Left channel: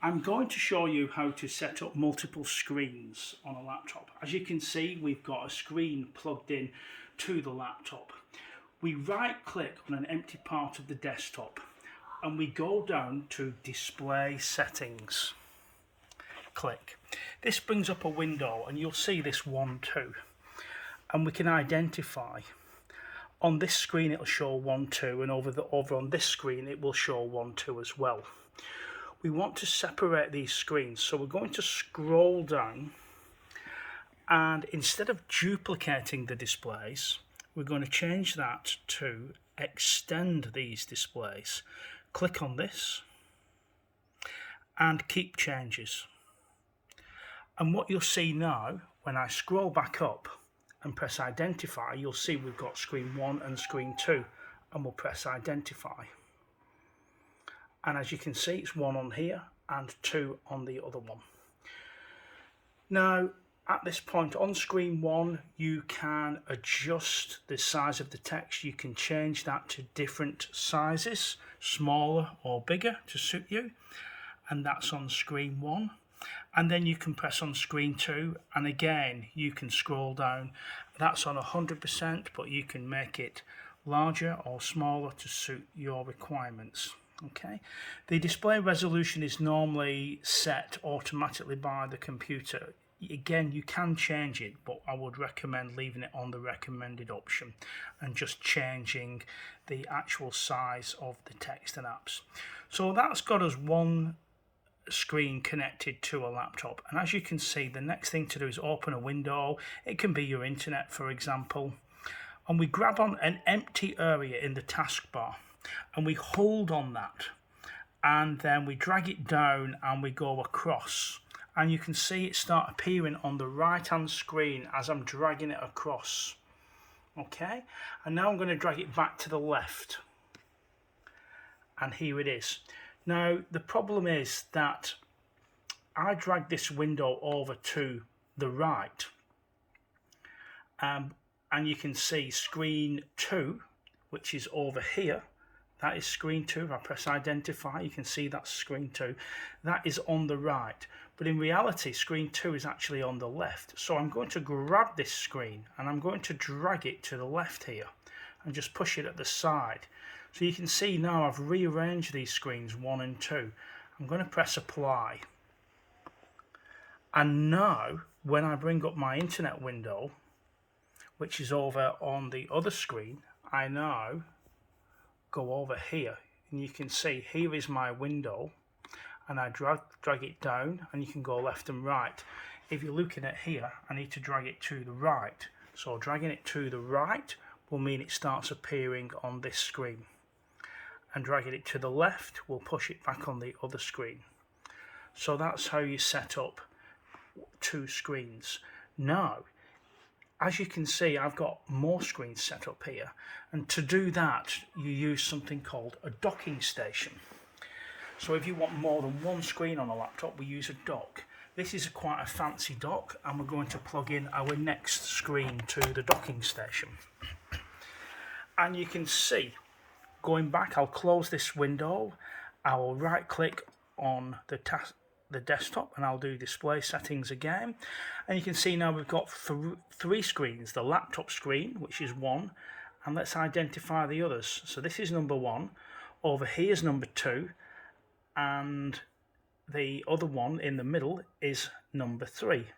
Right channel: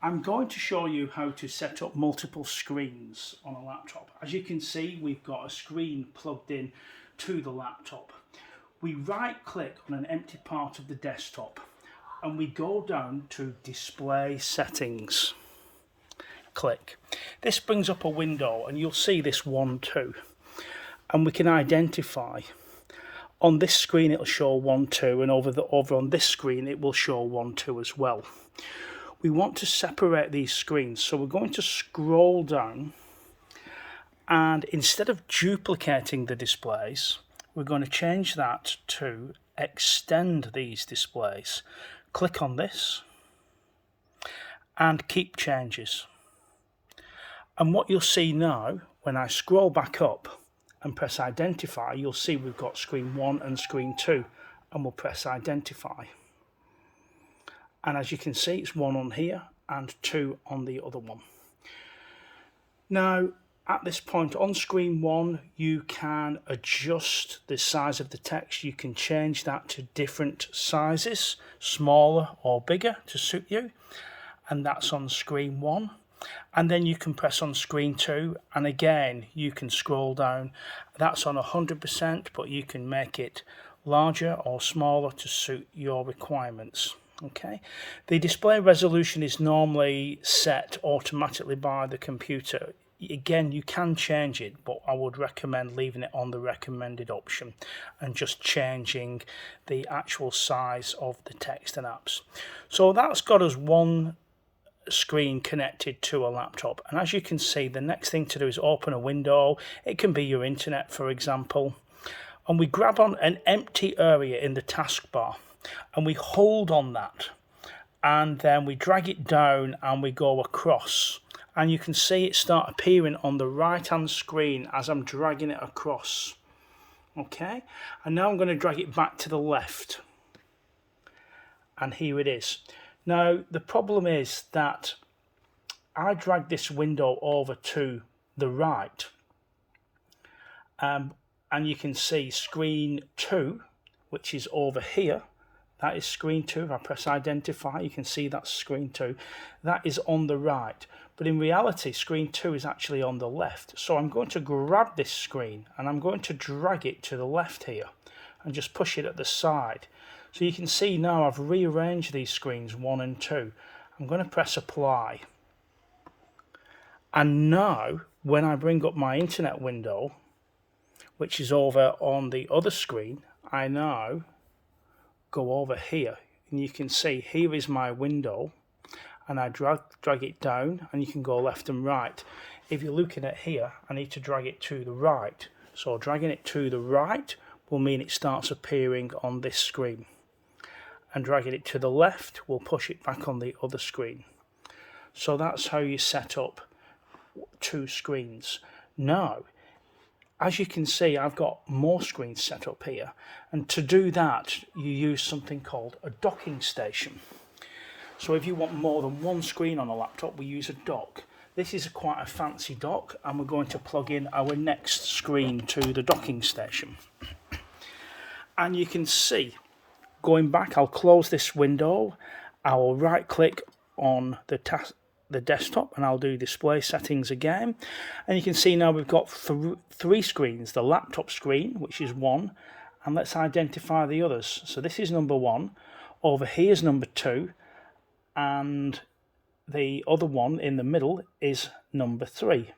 I'm going to show you how to set up multiple screens on a laptop. As you can see, we've got a screen plugged in to the laptop. We right click on an empty part of the desktop and we go down to display settings. Click. This brings up a window and you'll see this 1, 2, and we can identify. On this screen it'll show 1, 2, and over on this screen it will show 1, 2 as well. We want to separate these screens, so we're going to scroll down, and instead of duplicating the displays, we're going to change that to extend these displays. Click on this and keep changes. And what you'll see now, when I scroll back up and press identify, you'll see we've got screen 1 and screen 2, and we'll press identify. And as you can see, it's 1 on here and 2 on the other one. Now, at this point on screen 1, you can adjust the size of the text. You can change that to different sizes, smaller or bigger to suit you. And that's on screen 1. And then you can press on screen 2, and again you can scroll down. That's on 100%, but you can make it larger or smaller to suit your requirements. Okay, the display resolution is normally set automatically by the computer. Again, you can change it, but I would recommend leaving it on the recommended option and just changing the actual size of the text and apps. So that's got us one screen connected to a laptop, and as you can see, the next thing to do is open a window. It can be your internet, for example, and we grab on an empty area in the taskbar and we hold on that, and then we drag it down and we go across, and you can see it start appearing on the right hand screen as I'm dragging it across. Okay, and now I'm going to drag it back to the left, and here it is. Now the problem is that I drag this window over to the right, and you can see screen 2, which is over here. That is screen 2. If I press identify, you can see that's screen 2. That is on the right, but in reality screen 2 is actually on the left. So I'm going to grab this screen and I'm going to drag it to the left here and just push it at the side. So you can see now I've rearranged these screens 1 and 2. I'm going to press apply, and now when I bring up my internet window, which is over on the other screen, I now go over here and you can see here is my window, and I drag it down, and you can go left and right. If you're looking at here, I need to drag it to the right, so dragging it to the right will mean it starts appearing on this screen, and dragging it to the left will push it back on the other screen. So that's how you set up 2 screens. Now, as you can see, I've got more screens set up here, and to do that you use something called a docking station. So if you want more than one screen on a laptop, we use a dock. This is quite a fancy dock, and we're going to plug in our next screen to the docking station. And you can see, going back, I'll close this window, I will right click on the desktop, and I'll do display settings again, and you can see now we've got 3 screens. The laptop screen, which is 1, and let's identify the others. So this is number 1, over here is number 2, and the other one in the middle is number 3.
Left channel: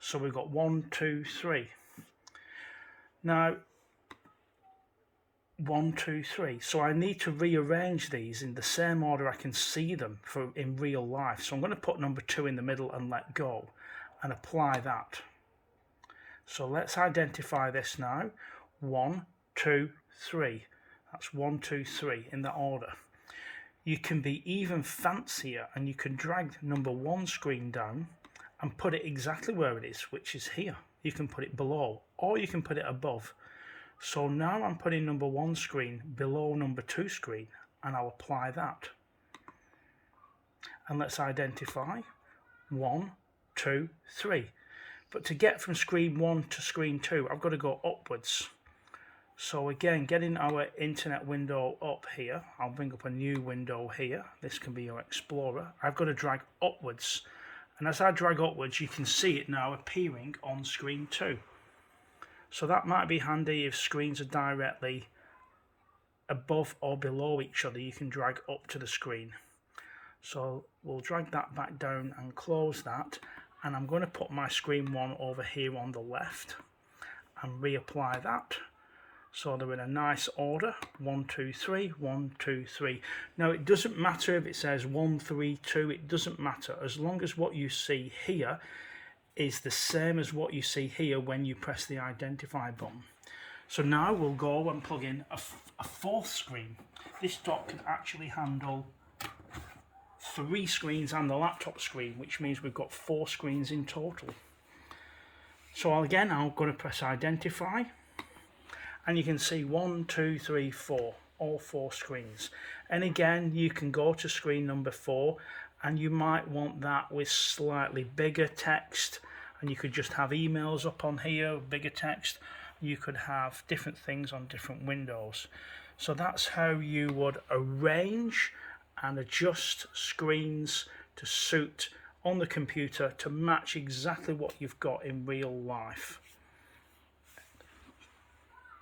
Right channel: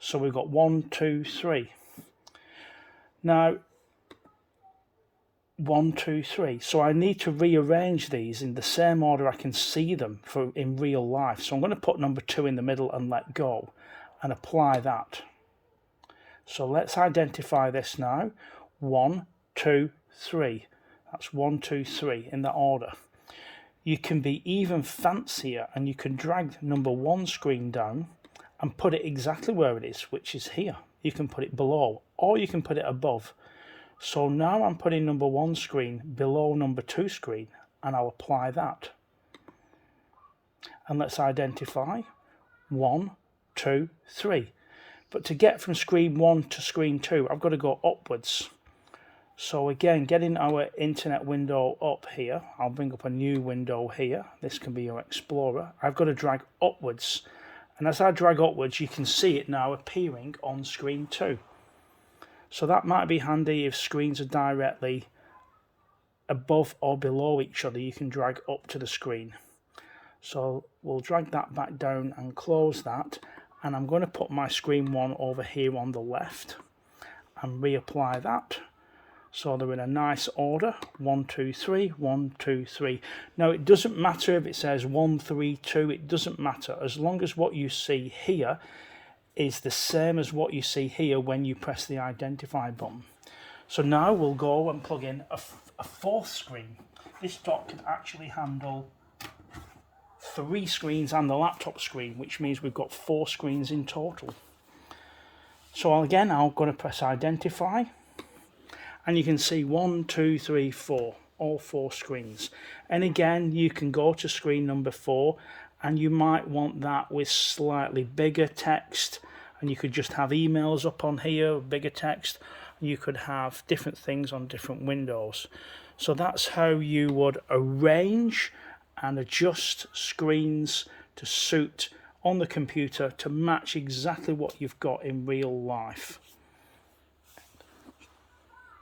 So we've got 1, 2, 3. Now 1, 2, 3. So I need to rearrange these in the same order I can see them in real life. So I'm going to put number 2 in the middle and let go and apply that. So let's identify this now. 1, 2, 3. That's 1, 2, 3 in that order. You can be even fancier, and you can drag number 1 screen down and put it exactly where it is, which is here. You can put it below, or you can put it above. So now I'm putting number 1 screen below number 2 screen, and I'll apply that. And let's identify 1, 2, 3. But to get from screen 1 to screen 2, I've got to go upwards. So again, getting our internet window up here, I'll bring up a new window here. This can be your Explorer. I've got to drag upwards. And as I drag upwards, you can see it now appearing on screen too. So that might be handy if screens are directly above or below each other. You can drag up to the screen. So we'll drag that back down and close that. And I'm going to put my screen one over here on the left and reapply that. So they're in a nice order, 1, 2, 3, 1, 2, 3. Now it doesn't matter if it says 1, 3, 2, it doesn't matter, as long as what you see here is the same as what you see here when you press the identify button. So now we'll go and plug in a fourth screen. This dock can actually handle 3 screens and the laptop screen, which means we've got 4 screens in total. So again, I'm going to press identify. And you can see 1, 2, 3, 4, all 4 screens. And again, you can go to screen number 4 and you might want that with slightly bigger text. And you could just have emails up on here with bigger text. You could have different things on different windows. So that's how you would arrange and adjust screens to suit on the computer to match exactly what you've got in real life.